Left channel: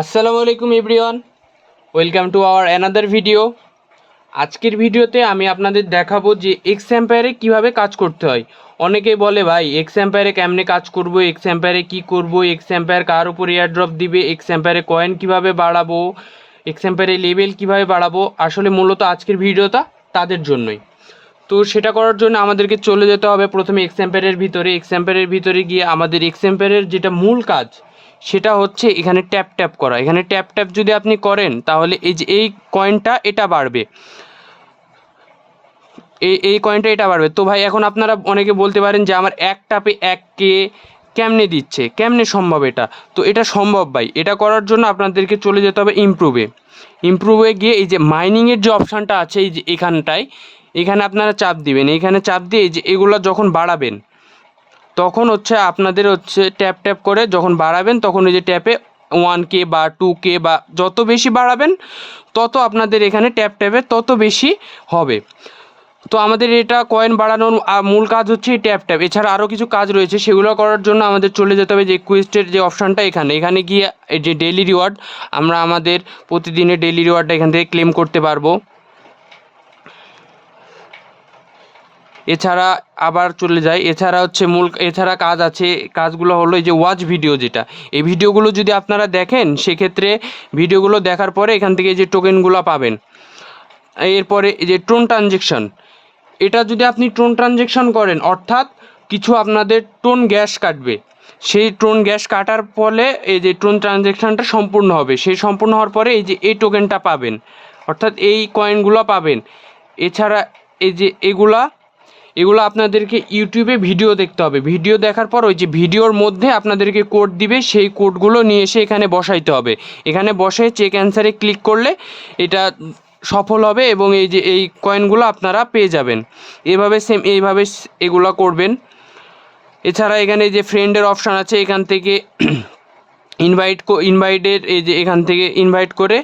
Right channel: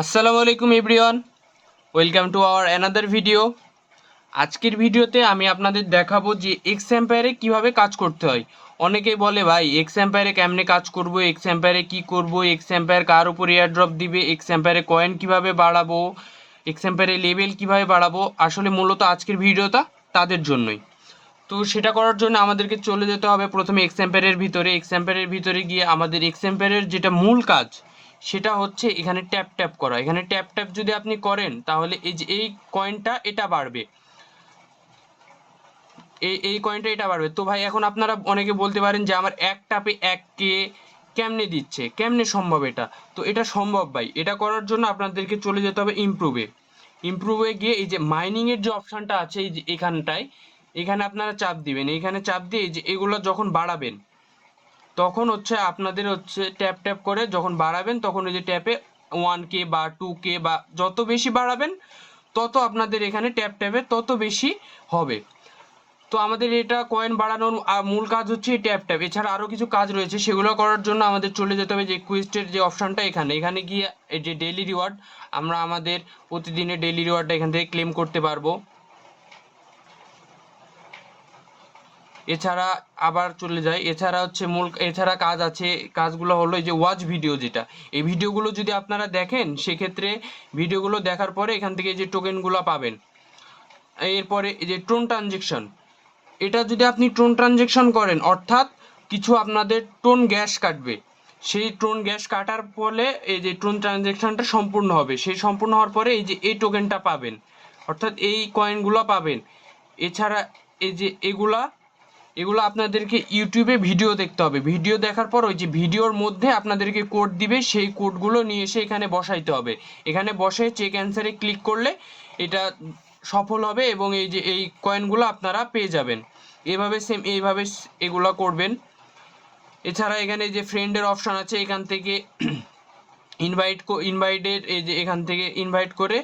আসসালামু আলাইকুম everyone, welcome to our another video. আজকের ভিডিওতে আমি আপনাদের দেখাবো যে এক্স এম্পায়ারে কীভাবে কাজ করতে হয়। অনেকেই বলে ভাই এক্স এম্পায়ারে কেমনে কাজ করব, এক্স এম্পায়ারে কী করব, এক্স এম্পায়ার কার উপর এয়ার ড্রপ দিবে, এক্স এম্পায়ারে কয়েন কীভাবে বাড়াবো, এক্স এম্পায়ারে লেভেল কীভাবে বাড়াবো। আসলে মূলত আজকের ভিডিওটা তাদের জন্যই। তো সেটা করার জন্য আমাদেরকে চলে যেতে হবে প্রথমে এক্স এম্পায়ারের ভিতরে। এক্স এম্পায়ারের ভিতরে গিয়ে আমাদের এক্স এম্পায়ারের যেটা মূল কাজ সেটা হচ্ছে এখানে ট্যাপ ট্যাপ করা। এখানে ট্যাপ ট্যাপ যদি আপনি করেন তাহলে এই যে এই কয়েনটা এটা বাড়বে, এই কয়েনটা এটা বাড়বে। তো ভাই এখন আপনারা অনেকে বলতে পারেন যে আমার এক ট্যাপে 1K কেমনে দিচ্ছে, কেমনে সম্ভব এটা? তো এটা সম্ভব ভাই। এটা করার জন্য আপনাদেরকে চলে যেতে হবে ইমপ্রুভে গিয়ে এই যে মাইনিংয়ের যে অপশানটা আছে এই যে এখানটায়, এখানে আপনারা চাপ দিবেন। এইখানে চাপ দিয়ে এই যে এগুলো যখন বাড়াবেন তখন হচ্ছে আপনাদের হচ্ছে ট্যাপ ট্যাপ করে যখন বাড়াবেন তখন ওই যে ট্যাপে 1K বা 2K বা যত বেশি বাড়াবেন তত আপনাদের এখানে ট্যাপ ট্যাপে তত বেশি হবে। তো আমাদের এটা কয়েন বাড়ানোর মূল কাজ হচ্ছে এই ট্যাপ ট্যাপ। এছাড়া আরও কিছু কাজ রয়েছে, সেগুলো করার জন্য আমাদের চলে যেতে হবে যে কুইস্টের যে অপশানটা এখানে গিয়ে এই যে ডেইলি রিওয়ার্ড, আমরা আমাদের প্রতিদিনের ডেইলি রিওয়ার্ডটা এখান থেকে ক্লেম করতে পারবো। এছাড়া আবার চলে যায়, এছাড়া হচ্ছে এছাড়া কাজ আছে। কাজগুলো হলো এই যে ওয়াচ ভিডিও, যেটা এই ভিডিওগুলো যদি আপনারা দেখেন সেক্ষেত্রে ভিডিওগুলো দেখার পরে এখান থেকে যে টোকেনগুলো পাবেন। এরপরে এই যে টোন ট্রানজেকশন, এটা যদি আপনি টোন ট্রানজেকশন করেন অর্থাৎ কিছু আপনাদের টোন গ্যাস কাটবে, সেই টোন গ্যাস কাটার ফলে এই যে টোন ট্রানজেকশনটা সম্পূর্ণ হবে। সেই সম্পূর্ণ হওয়ার পরে এই যে এই টোকেনটা পাবেন, অর্থাৎ এই কয়েনগুলো পাবেন। এছাড়া এই যে এগুলো আপনাদেরকে ইউটিউবে ভিডিও দেখতে হবে। ভিডিও দেখার পর ওই যে ভিডিওর মধ্যে আপনাদেরকে কোড দিবে, সেই কোডগুলো নিয়ে এসে এখানে বসাইতে হবে। এখানে বসে চেক অ্যান্সারে ক্লিক করলে এটা সফল হবে এবং এই যে এই কয়েনগুলো আপনারা পেয়ে যাবেন। এইভাবে এগুলো করবেন। এছাড়া এখানে যে ফ্রেন্ডের অপশান আছে, এখান থেকে ইনভাইটের এই যে এখান থেকে ইনভাইট করে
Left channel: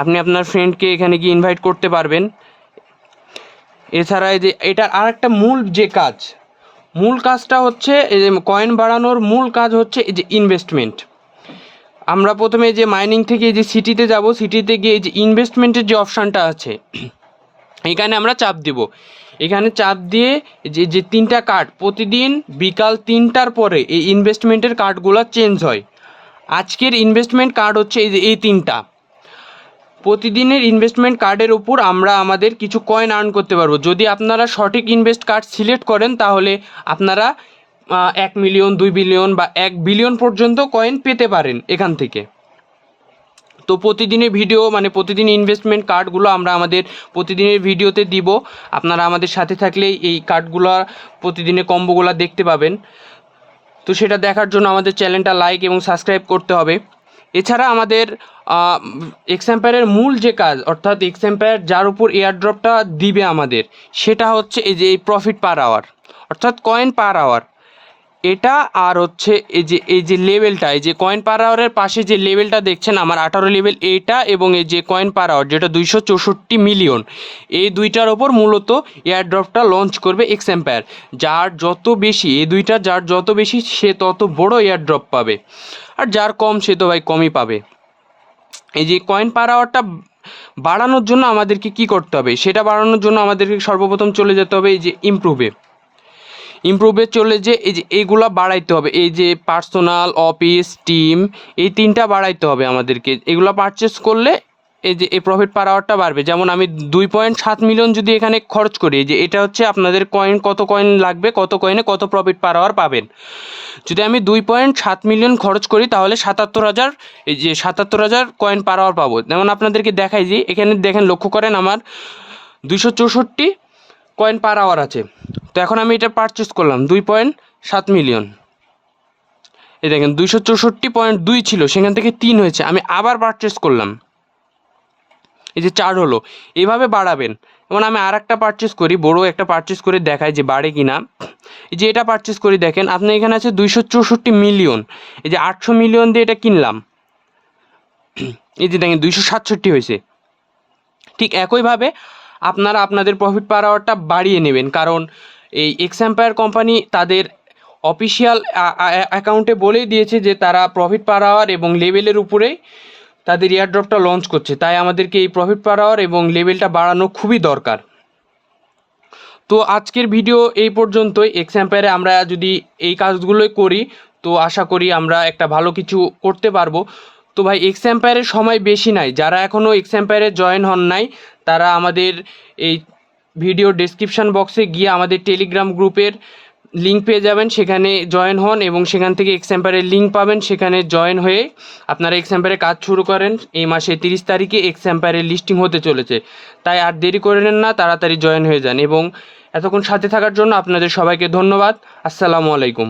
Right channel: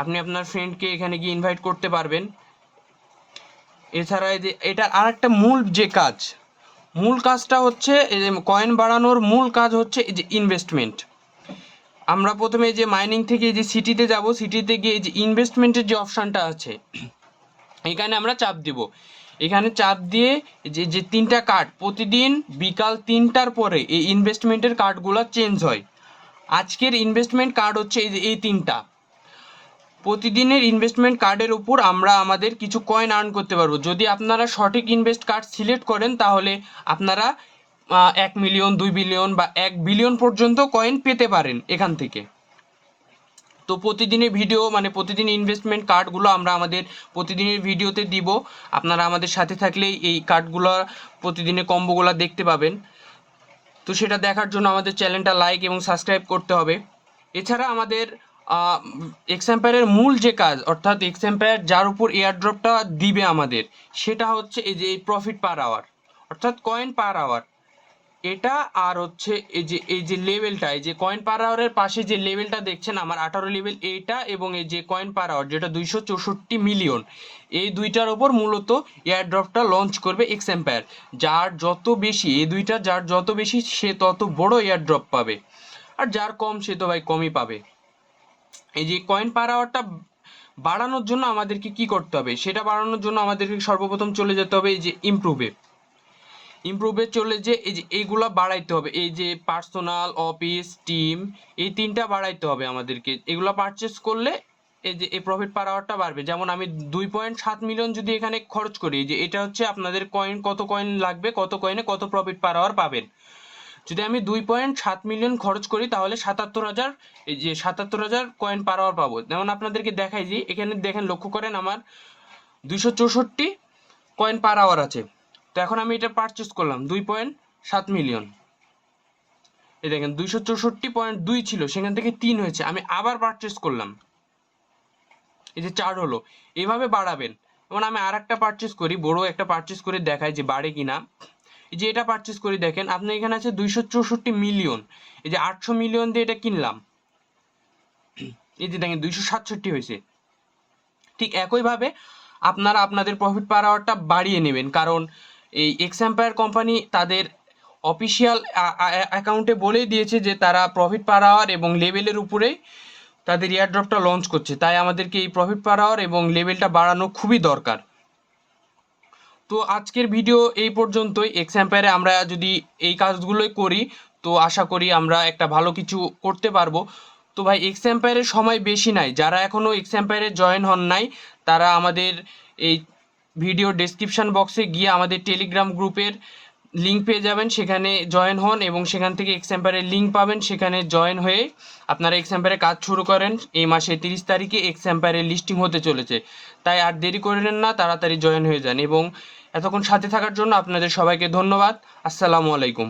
আপনি আপনার ফ্রেন্ডকে এখানে গিয়ে ইনভাইট করতে পারবেন। এছাড়া এই যে এটা আর একটা মূল কাজটা হচ্ছে এই যে কয়েন বাড়ানোর মূল কাজ হচ্ছে এই যে ইনভেস্টমেন্ট। আমরা প্রথমে যে মাইনিং থেকে এই যে সিটিতে যাব, সিটিতে গিয়ে এই যে ইনভেস্টমেন্টের যে অপশানটা আছে এখানে আমরা চাপ দিব। এখানে চাপ দিয়ে যে 3টা কার্ড প্রতিদিন বিকাল 3টার পরে এই ইনভেস্টমেন্টের কার্ডগুলো চেঞ্জ হয়। আজকের ইনভেস্টমেন্ট কার্ড হচ্ছে এই যে এই 3টা। প্রতিদিনের ইনভেস্টমেন্ট কার্ডের উপর আমরা আমাদের কিছু কয়েন আর্ন করতে পারবো। যদি আপনারা সঠিক ইনভেস্ট কার্ড সিলেক্ট করেন তাহলে আপনারা 1 মিলিয়ন, 2 বিলিয়ন বা 1 বিলিয়ন পর্যন্ত কয়েন পেতে পারেন এখান থেকে। তো প্রতিদিনের ভিডিও মানে প্রতিদিন ইনভেস্টমেন্ট কার্ডগুলো আমরা আমাদের প্রতিদিনের ভিডিওতে দিব। আপনারা আমাদের সাথে থাকলেই এই কার্ডগুলো প্রতিদিনের কম্বোগুলো দেখতে পাবেন। তো সেটা দেখার জন্য আমাদের চ্যানেলটা লাইক এবং সাবস্ক্রাইব করতে হবে। এছাড়া আমাদের এক্স এম্পায়ারের মূল যে কাজ, অর্থাৎ এক্স এম্পায়ার যার উপর এয়ারড্রপটা দিবে আমাদের, সেটা হচ্ছে এই যে এই প্রফিট পার আওয়ার, অর্থাৎ কয়েন পার আওয়ার এটা। আর হচ্ছে এই যে লেভেলটা, এই যে কয়েন পার আওয়ারের পাশে যে লেভেলটা দেখছেন আমার 18 লেভেল এইটা, এবং এই যে কয়েন পার আওয়ার যেটা 264 মিলিয়ন, এই দুইটার ওপর মূলত এয়ারড্রপটা লঞ্চ করবে এক্স এম্পায়ার। যার যত বেশি সে তত বড় এয়ারড্রপ পাবে, আর যার কম সে তো ভাই কমই পাবে। এই যে কয়েন পার আওয়ারটা বাড়ানোর জন্য আমাদেরকে কি করতে হবে, সেটা বাড়ানোর জন্য আমাদেরকে সর্বপ্রথম চলে যেতে হবে এই যে ইমপ্রুভে চলে যে এই যে এইগুলা বাড়াইতে হবে। এই যে পার্সোনাল, অফিস, টিম, এই 3টা বাড়াইতে হবে আমাদেরকে। এগুলো পারচেস করলে এই যে এই প্রফিট পার আওয়ারটা বাড়বে। যেমন আমি 2.7 মিলিয়ন যদি এখানে খরচ করি, যে এটা হচ্ছে আপনাদের কত কয়েন লাগবে, কত কয়েনে কত প্রফিট পার আওয়ার পাবেন। যদি আমি 2.7 মিলিয়ন খরচ করি তাহলে 77,000 কয়েন পার আওয়ার পাবো। যেমন আপনাদেরকে দেখাই যে এখানে দেখেন, লক্ষ্য করেন আমার 264 কয়েন পার আওয়ার আছে। তো এখন আমি এটা পারচেস করলাম 2.7 মিলিয়ন। এই দেখেন 264.2 ছিল, সেখান থেকে 3 হয়েছে, আমি আবার পারচেস করলাম, এই যে 4 হলো। এইভাবে বাড়াবেন। যেমন আমি আর একটা পারচেস করি, বড় একটা পারচেস করে দেখাই যে বাড়ে কি না। এই যে এটা পারচেস করি, দেখেন আপনি এখানে আছে 264 মিলিয়ন, এই যে 800 মিলিয়ন দিয়ে এটা কিনলাম, এই যে দেখেন 267 হয়েছে। ঠিক একইভাবে আপনারা আপনাদের প্রফিট পার আওয়ারটা বাড়িয়ে নেবেন, কারণ এই এক্স এম্পায়ার কোম্পানি তাদের অফিসিয়াল অ্যাকাউন্টে বলেই দিয়েছে যে তারা প্রফিট পার আওয়ার এবং লেভেলের উপরেই তাদের এয়ারড্রপটা লঞ্চ করছে, তাই আমাদেরকে এই প্রফিট পার আওয়ার এবং লেভেলটা বাড়ানো খুবই দরকার। তো আজকের ভিডিও এই পর্যন্তই। এক্সাম্পায়ারে আমরা যদি এই কাজগুলোই করি তো আশা করি আমরা একটা ভালো কিছু করতে পারবো। তো ভাই এক্সাম্পায়ারের সময় বেশি নাই, যারা এখনও এক্সাম্পায়ারে জয়েন হন নাই তারা আমাদের এই ভিডিও ডেসক্রিপশন বক্সে গিয়ে আমাদের টেলিগ্রাম গ্রুপের লিঙ্ক পেয়ে যাবেন, সেখানে জয়েন হন এবং সেখান থেকে এক্সাম্পায়ারের লিঙ্ক পাবেন, সেখানে জয়েন হয়ে আপনারা এক্সাম্পায়ারে কাজ শুরু করেন। এই মাসে 30 তারিখে এক্সাম্পায়ারের লিস্টিং হতে চলেছে, তাই আর দেরি করে নেন না, তাড়াতাড়ি জয়েন হয়ে যান। এবং এতক্ষণ সাথে থাকার জন্য আপনাদের সবাইকে ধন্যবাদ। আসসালামু আলাইকুম।